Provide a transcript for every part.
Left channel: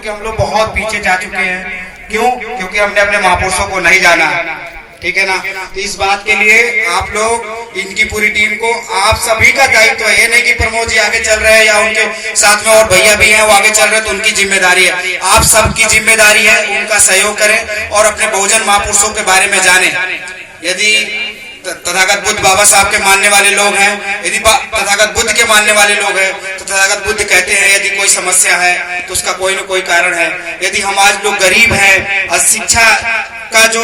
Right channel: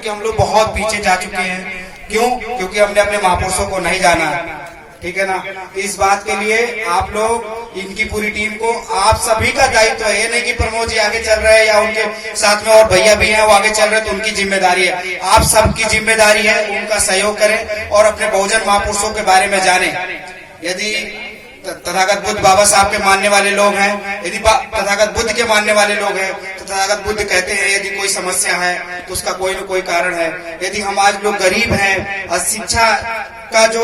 क्योंकि हम लोग बहुत पीछे जा चुके हैं। क्यों? क्योंकि हमने अपने महापुरुषों को नहीं जाना, ठीक है ना। तो इस बात के लिए आप लोग, इनकी पूरी टीम को, आप सभी का दायित्व है। ये नहीं कि प्रमोद जी आगे चल रहे हैं या उनके साथ में और भैया भी हैं वो आगे चल रहे हैं तो उनकी जिम्मेदारी है। आप सबकी जिम्मेदारी है, उनका सहयोग करें और अपने बहुजन महापुरुषों के बारे में जानें। यदि तथागत बुद्ध बाबा साहब के मानने वाले लोग हैं, यदि तथागत बुद्ध के मानने वाले लोग हैं, तो तथागत बुद्ध कहते हैं यदि कोई समस्या है तो उसका कोई न कोई कारण है। यदि हम आज लोग गरीब हैं और शिक्षा का जो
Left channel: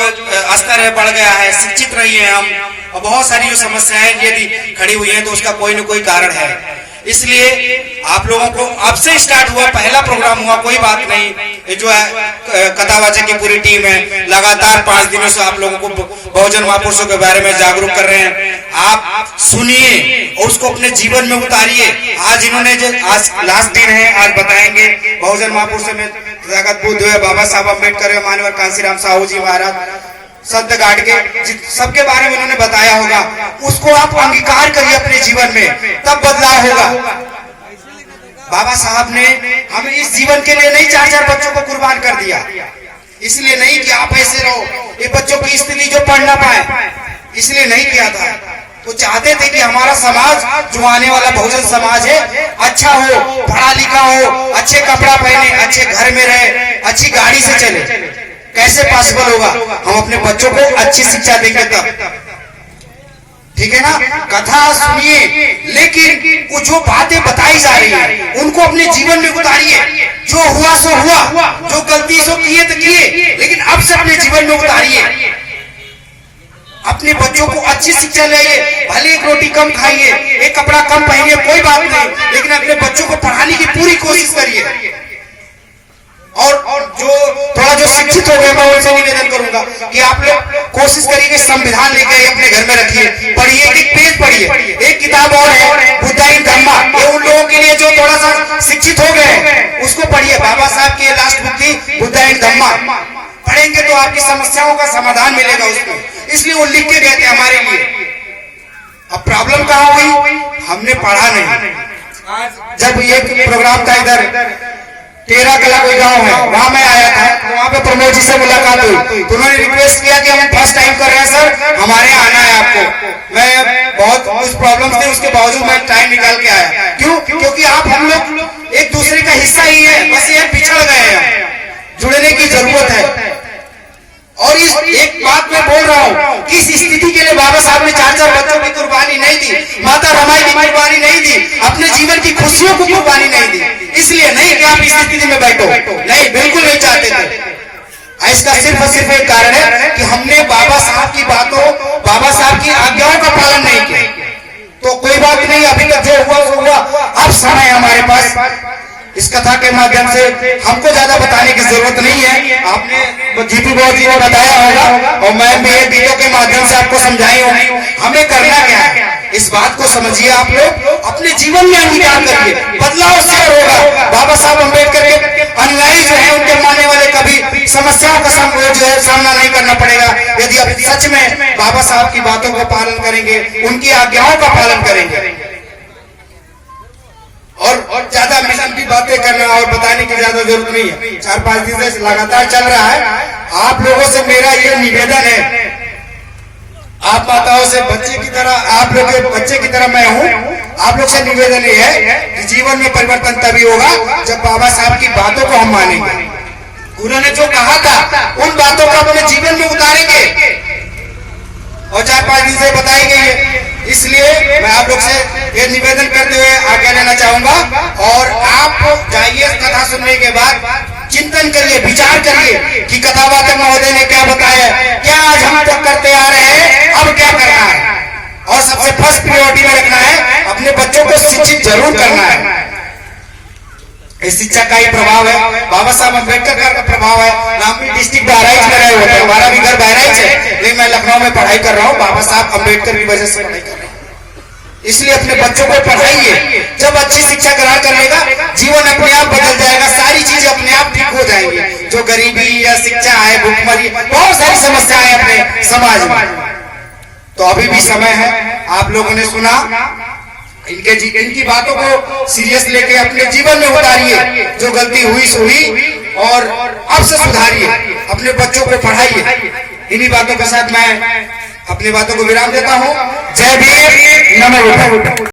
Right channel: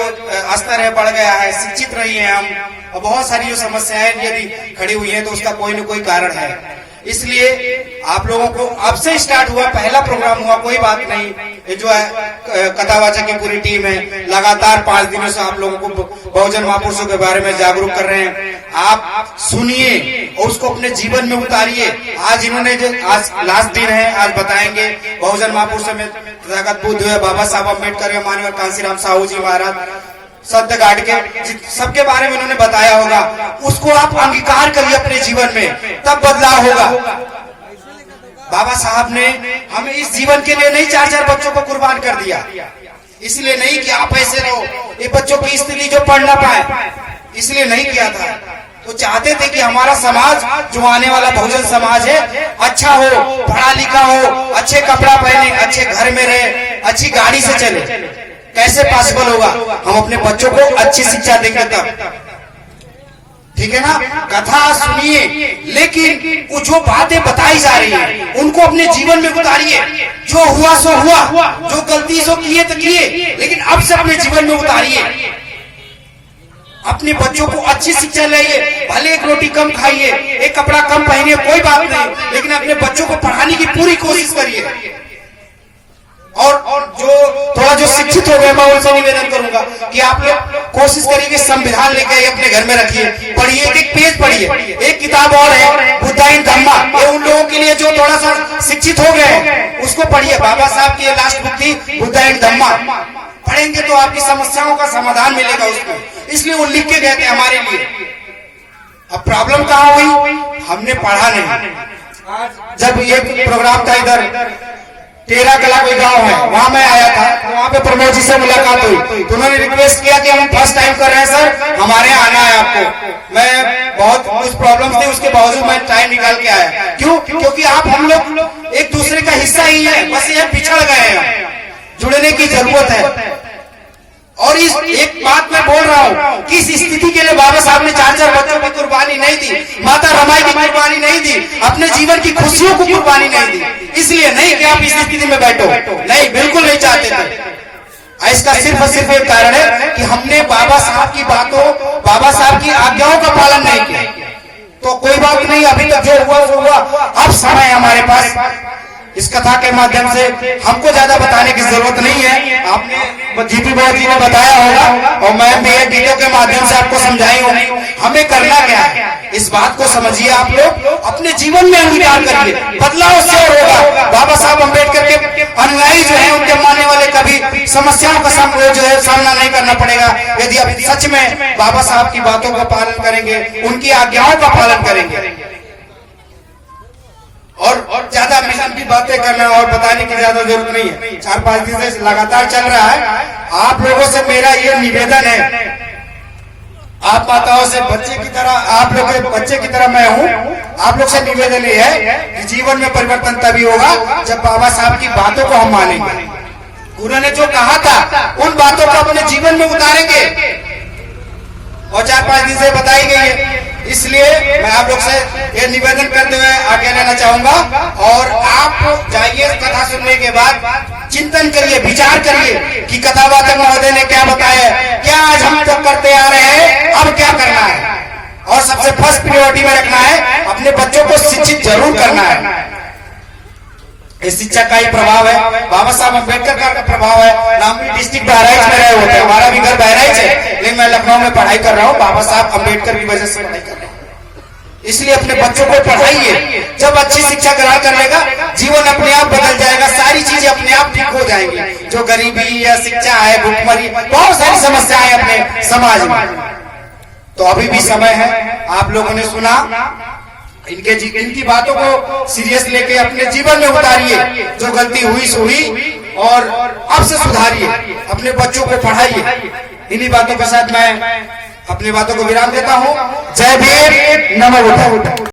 स्तर है बढ़ गया है, शिक्षित नहीं है हम, और बहुत सारी जो समस्याएं यदि खड़ी हुई हैं तो उसका कोई न कोई कारण है। इसलिए आप लोगों को अब से स्टार्ट हुआ, पहला प्रोग्राम हुआ, कोई बात नहीं। ये जो है कथावाचक की पूरी टीम है, लगातार 5 दिनों से आप लोगों को बहुजन महापुरुषों के बारे में जागरूक कर रहे हैं। आप सुनिए और उसको अपने जीवन में उतारिए। आज इन्होंने जो, आज लास्ट दिन है, आज बताएंगे बहुजन महापुरुषों में तथागत बुद्ध है, बाबा साहब अम्बेडकर है, माननीय कांशीराम साहू जी महाराज, संत गाड़ के सबके बारे में उन्होंने बताया होगा। उसको आप अंगीकार करिए अपने जीवन में, तब बदलाव होगा। बाबा साहब ने हमें इस जीवन के लिए नहीं 4-4 बच्चों को कुर्बान कर दिया, इसलिए नहीं कि आप ऐसे रहो, ये बच्चों की स्थिति जो पढ़ ना पाए, इसलिए नहीं किया था। वो चाहते थे कि हमारा समाज, जो आने वाला बहुजन समाज है, अच्छा हो, पढ़ा लिखा हो, अच्छे कपड़ा पहने, अच्छे घर में रहे, अच्छी गाड़ी से चले। कैसे पॉसिबल होगा? हम अपने बच्चों को अच्छी शिक्षा देंगे तब, ठीक है ना। कथा सुनिए, लेकिन वो जो बातें बताई जा रही है उनको अपने जीवन में उतारिए। जो हुआ सो हुआ, जो गलती सो किए तो किए, लेकिन अब से अपने जीवन में उतारिए। अपने बच्चों को अच्छी शिक्षा लाइए, भले एक रोटी कम खाइए, एक कपड़ा कम पहनिए, कोई बात नहीं, लेकिन अपने बच्चों को पढ़ाने की पूरी कोशिश करिए। और जो थोड़ा जो शिक्षित हो गए, मैं उनसे निवेदन करूंगा कि आप लोग कोशिश करिए कि संविधान लेकर अपने घर में रखिए, पढ़िए, एक पेज पढ़िए। एक किताब और है बुद्धा इन धम्मा, ये उन लोगों के लिए जो थोड़ा सा शिक्षित हो गए, उसको पढ़िए। बाबा साहब की लास्ट बुक थी बुद्धा इन धम्मा, पढ़ेंगे तो आपकी समस्याओं का समाधान मिलेगा उसमें, इसलिए वो लिख के गए थे हमारे लिए। अब प्रॉब्लम कहाँ हुई? हमने पढ़ा नहीं। जब ये प्रोग्राम था इधर तेरा कला कोई गांव है, वहां मैं आया था, वहां पे प्रमोद जी से मुलाकात हुई तो उन्होंने रिक्वेस्ट किया कि हम फर्स्ट टाइम कर रहे हैं सर, हमारे यहाँ आना है आपको। मैं बहुत कुछ प्रॉब्लम थी, उसके बावजूद मैं टाइम निकाल के आया। क्यों? क्योंकि आप हम लोग एक दूसरे का हिस्सा ही है, बस ये पिछड़ गए हैं, जुड़ने की जरूरत है। और इस एक बात मैं बोल रहा हूँ कि इस स्थिति के लिए बाबा साहब ने 4-4 बच्चों की कुर्बानी नहीं दी, माता रमाई की कुर्बानी नहीं दी, अपने जीवन की खुशियों को कुर्बानी नहीं दी। इसलिए नहीं कि आप इस स्थिति में बैठो, नहीं, बिल्कुल नहीं चाहते थे। इसका सिर्फ और सिर्फ एक कारण है कि हमने बाबा साहब की बातों, बाबा साहब की आज्ञाओं का पालन नहीं किया। तो कोई बात नहीं, अभी तक जो हुआ वो हुआ, अब समय हमारे पास। इस कथा के माध्यम से हमको ज्यादा बताने की जरूरत नहीं है, आपने जीतू बाबू जी ने बताया होगा और मैं भी गीतों के माध्यम से आपको समझाई होगी। हमें करना क्या है, इस बात को समझिए। आप लोग अपने जीवन में अंगीकार करिए, बदलाव से होगा। बाबा साहब अम्बेडकर के अनुयायी जो है, उनके मानने वाले कभी समस्याओं का जो है सामना नहीं करना पड़ेगा, यदि आप सच में बाबा साहब की बातों का पालन करेंगे, उनकी आज्ञाओं का पालन करेंगे। और ज्यादा लंबी बातें करने और बताने की ज्यादा जरूरत नहीं है, 4-5 दिन से लगातार चल रहा है। आप लोगों से मेरा ये निवेदन है, आप माताओं से बच्चे की तरह, आप लोग के बच्चे की तरह मैं हूँ, आप लोग से निवेदन ये है कि जीवन में परिवर्तन तभी होगा जब बाबा साहब की बातों को हम मानेंगे। उन्होंने जो कहा था उन बातों को अपने जीवन में उतारेंगे और 4-5 दिन से बताई गई है। इसलिए मैं आप लोग से ये निवेदन करते हुए आगे लेना चाहूंगा। और आप जाइए, कथा सुनने के बाद चिंतन करिए, विचार करिए कि कथावाचक महोदय ने क्या बताया, क्या आज हम तक करते आ रहे हैं, अब क्या करना है। और सबसे फर्स्ट प्रायोरिटी में रखना है, अपने बच्चों को शिक्षित जरूर करना है। इस शिक्षा का ही प्रभाव है, बाबा साहब अम्बेडकर का प्रभाव है। हम भी डिस्ट्रिक्ट बहराइच में रहे होते हैं, हमारा भी घर बहराइच है, लेकिन मैं लखनऊ में पढ़ाई कर रहा हूँ, बाबा साहब अम्बेडकर की वजह से पढ़ाई कर रहा हूँ। इसलिए अपने बच्चों को पढ़ाइए, जब अच्छी शिक्षा ग्रहण कर लेगा, जीवन अपने आप बदल जाएगा, सारी चीजें अपने आप ठीक हो जाएंगी। जो गरीबी या शिक्षा है, भूखमरी, बहुत सारी समस्याएं अपने समाज में। तो अभी भी समय है, आप लोगों ने सुना, इनकी बातों को सीरियस लेके अपने जीवन में उतारिए। जो गलती हुई और अब से सुधारिए, अपने बच्चों को पढ़ाइए। इन्हीं बातों के साथ मैं अपनी बातों को विराम देता हूँ। जय भीम, नमो बुद्धाय।